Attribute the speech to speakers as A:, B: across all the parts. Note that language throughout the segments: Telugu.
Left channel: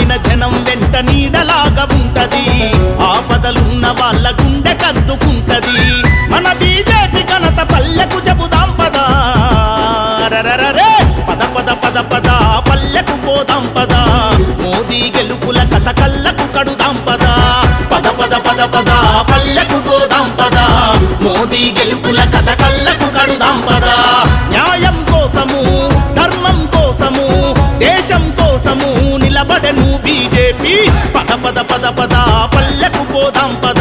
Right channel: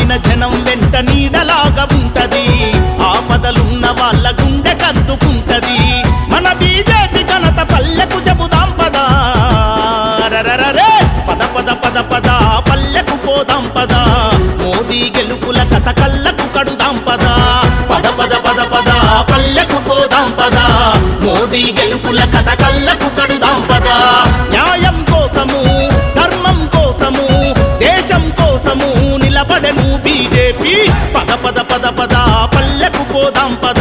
A: జనం వెంట నీడలాగా ఉంటది. ఆపదలున్న వాళ్ళ గుండె కద్దుకుంటది. మన బీజేపీ ఘనత పల్లెకు చెబుదాం పదా. రరరరే పద పద పద పద పల్లెకు పోదాం పద. మోదీ గెలుపుల కథ కళ్ళకు కడుదాం పద. పద పద పద పద పల్లెకు పోదాం పద. మోదీ గెలుపుల కథ కళ్ళకు కడుదాం పద. కోసము నిలబడను బీజేపీ. పద పద పద పద పల్లెకు పోదాం పద.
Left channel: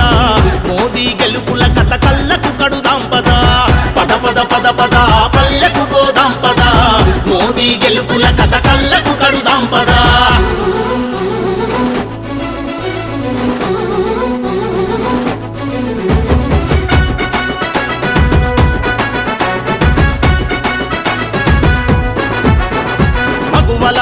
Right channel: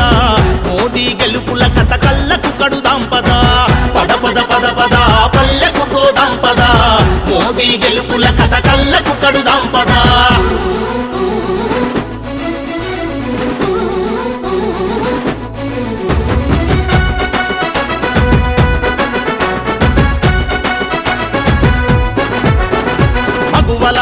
A: మోదీ గెలుపుల కథ కళ్ళకు కడుదాం పద. పద పద పద పద పల్లెకు పోదాం పద. మోదీ గెలుపుల కథ కళ్ళకు కడుదాం పద. మగువల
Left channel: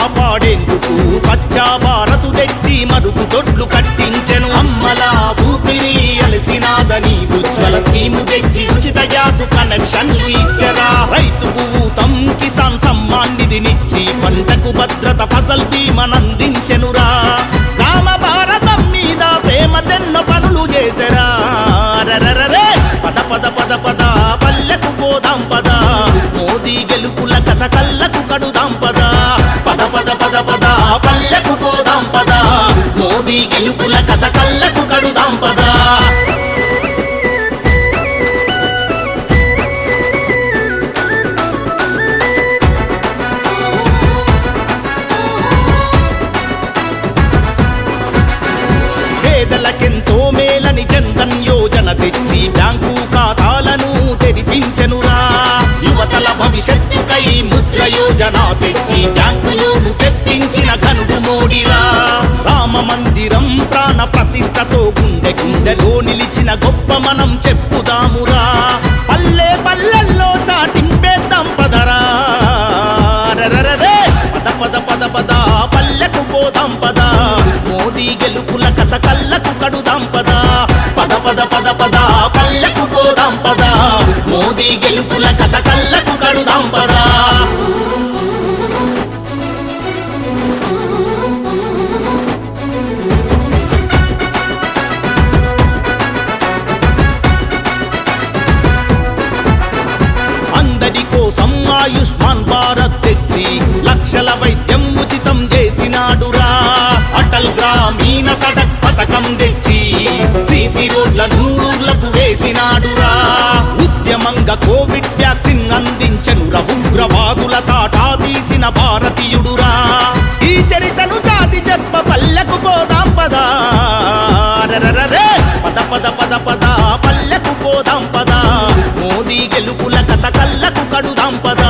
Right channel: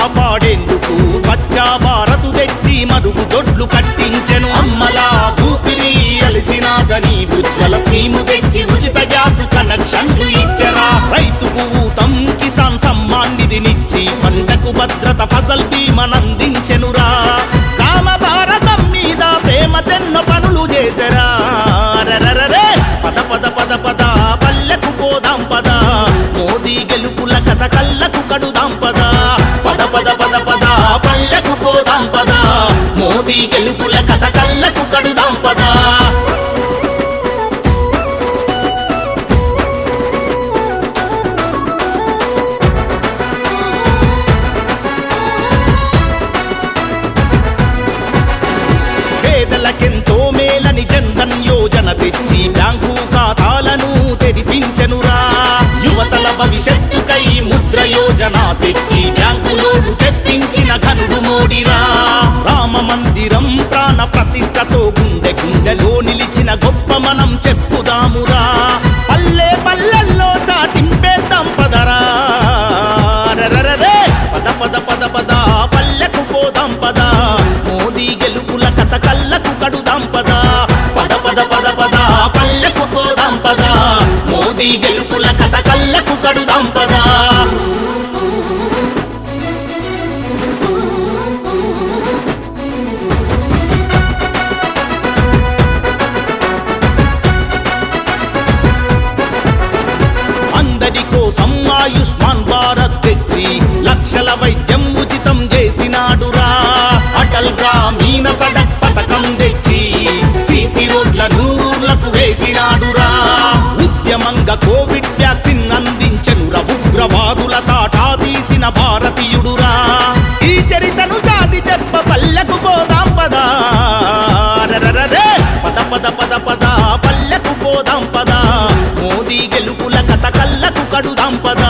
A: కాపాడేందుకు స్వచ్ఛ భారత్ తెచ్చి మరుగు దొడ్లు కట్టించెను. అమ్మలా ఊపిరి అలసినాదని ఉజ్వల స్కీము తెచ్చి ఉచిత గ్యాస్ కనెక్షన్లు ఇచ్చరా. రైతుకు ఊతం కిసాన్ సమ్మాన్ నిధినిచ్చి పంటకు భద్రత ఫసల్ బీమనందించెనురా గ్రామ భారతం మీద ప్రేమ తెన్నో పనులు చేసరా. రరరరే పద పద పద పద పల్లెకు పోదాం పద. మోదీ గెలుపుల కథ కళ్ళకు కడుదాం పద. పద పద పద పద. పల్లెకు పోదాం పద. మోదీ గెలుపుల కథ కళ్ళకు కడుదాం పద. పేదలకెంతో మేలని జన్ధన్ యోజన తెచ్చి బ్యాంకు ఖాతా ఖాతాలను తెరిపించెనురా. యువతల భవిష్యత్తుకై ముద్ర యోజన తెచ్చి బ్యాంకులోను తెప్పించిన ఘనుడు మోడిరా. రామ మందిరం ప్రాణ ప్రతిష్టతో గుండె గుండెలో నిలిచిన గొప్ప మనం చెప్పుదామురా. పల్లె పల్లెల్లో చాటింపేద్దాం పదరా పద పద పద పద పల్లెకు పోదాం పద. మోదీ గెలుపుల కథ కళ్ళకు కడుదాం పద. పద పద పద పద. గెలుపుల కథ కళ్ళకు కడుదాం పదా. అందరి కోసం ఆయుష్మాన్ భారత్ తెచ్చి లక్షల వైద్యం ఉచితం చేసినాడురా. అటల్ గ్రామీణ సడక్ పథకం తెచ్చి సిసి రోడ్లను ఊర్లకు వేసినాడురా. ఉద్యమంగా కోవిడ్ వ్యాక్సిన్ అందించెనురా ఉగ్రవాదుల తాటా తీసిన భారతీయుడురా. ఈ చరితను జాతి చెప్ప పల్లెకు పోదాం పదా. పద పద పద పద. పల్లెకు పోదాం పద. మోదీ గెలుపుల కథ కళ్ళకు కడుదాం పద.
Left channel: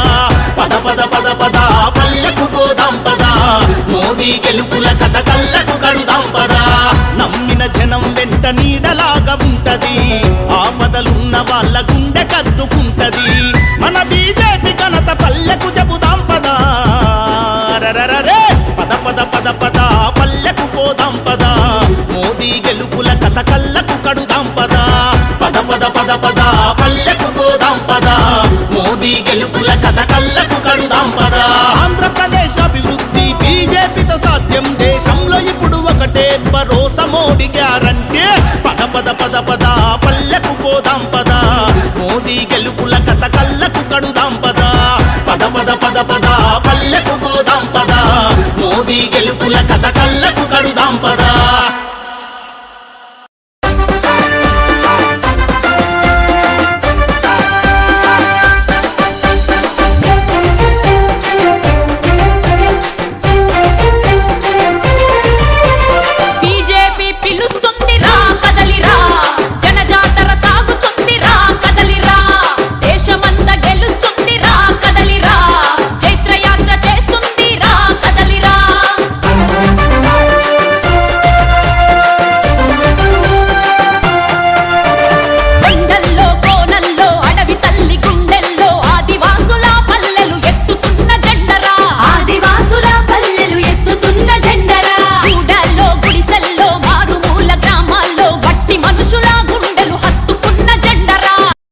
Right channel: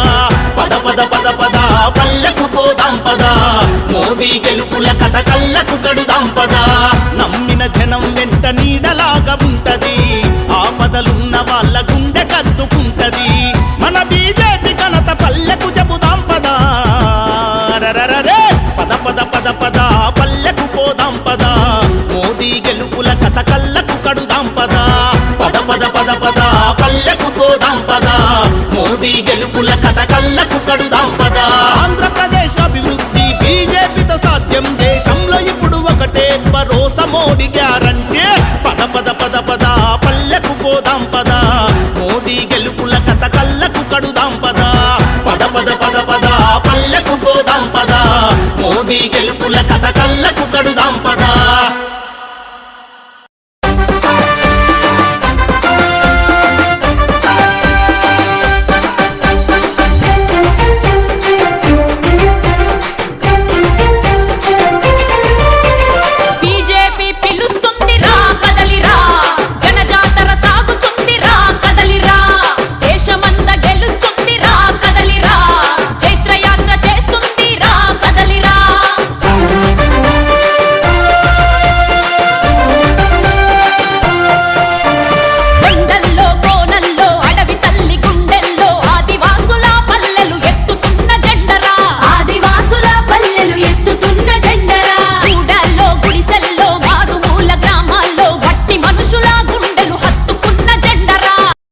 A: పద పద పద పద. పల్లెకు పోదాం పద. మోదీ గెలుపుల కథ కళ్ళకు నమ్మిన జనం వెంట నీడలాగా ఉంటది. ఆపదలున్న వాళ్ళ గుండె కద్దుకుంటది. మన బీజేపీ ఘనత పల్లెకు చెబుదాం పదా. రరరరే పద పద పద పద పల్లెకు పోదాం పద. మోదీ గెలుపుల కథ కళ్ళకు కడుదాం పద. పద పద పద పద పల్లెకు పోదాం పద. మోదీ గెలుపుల కథ కళ్ళకు కడుదాం పద. ఆంధ్రప్రదేశ్ అభివృద్ధి బీజేపీతో సాధ్యం దేశంలో ఇప్పుడు ఒకటే భరోసా మోడీ గ్యారంటే. పద పద పద పద పల్లెకు పోదాం పద. మోదీ గెలుపుల కథ కళ్ళకు కడుదాం పద. పద పద పద పద పల్లెకు పోదాం పద. మోదీ గెలుపుల కథ కళ్ళకు కడుదాం పద.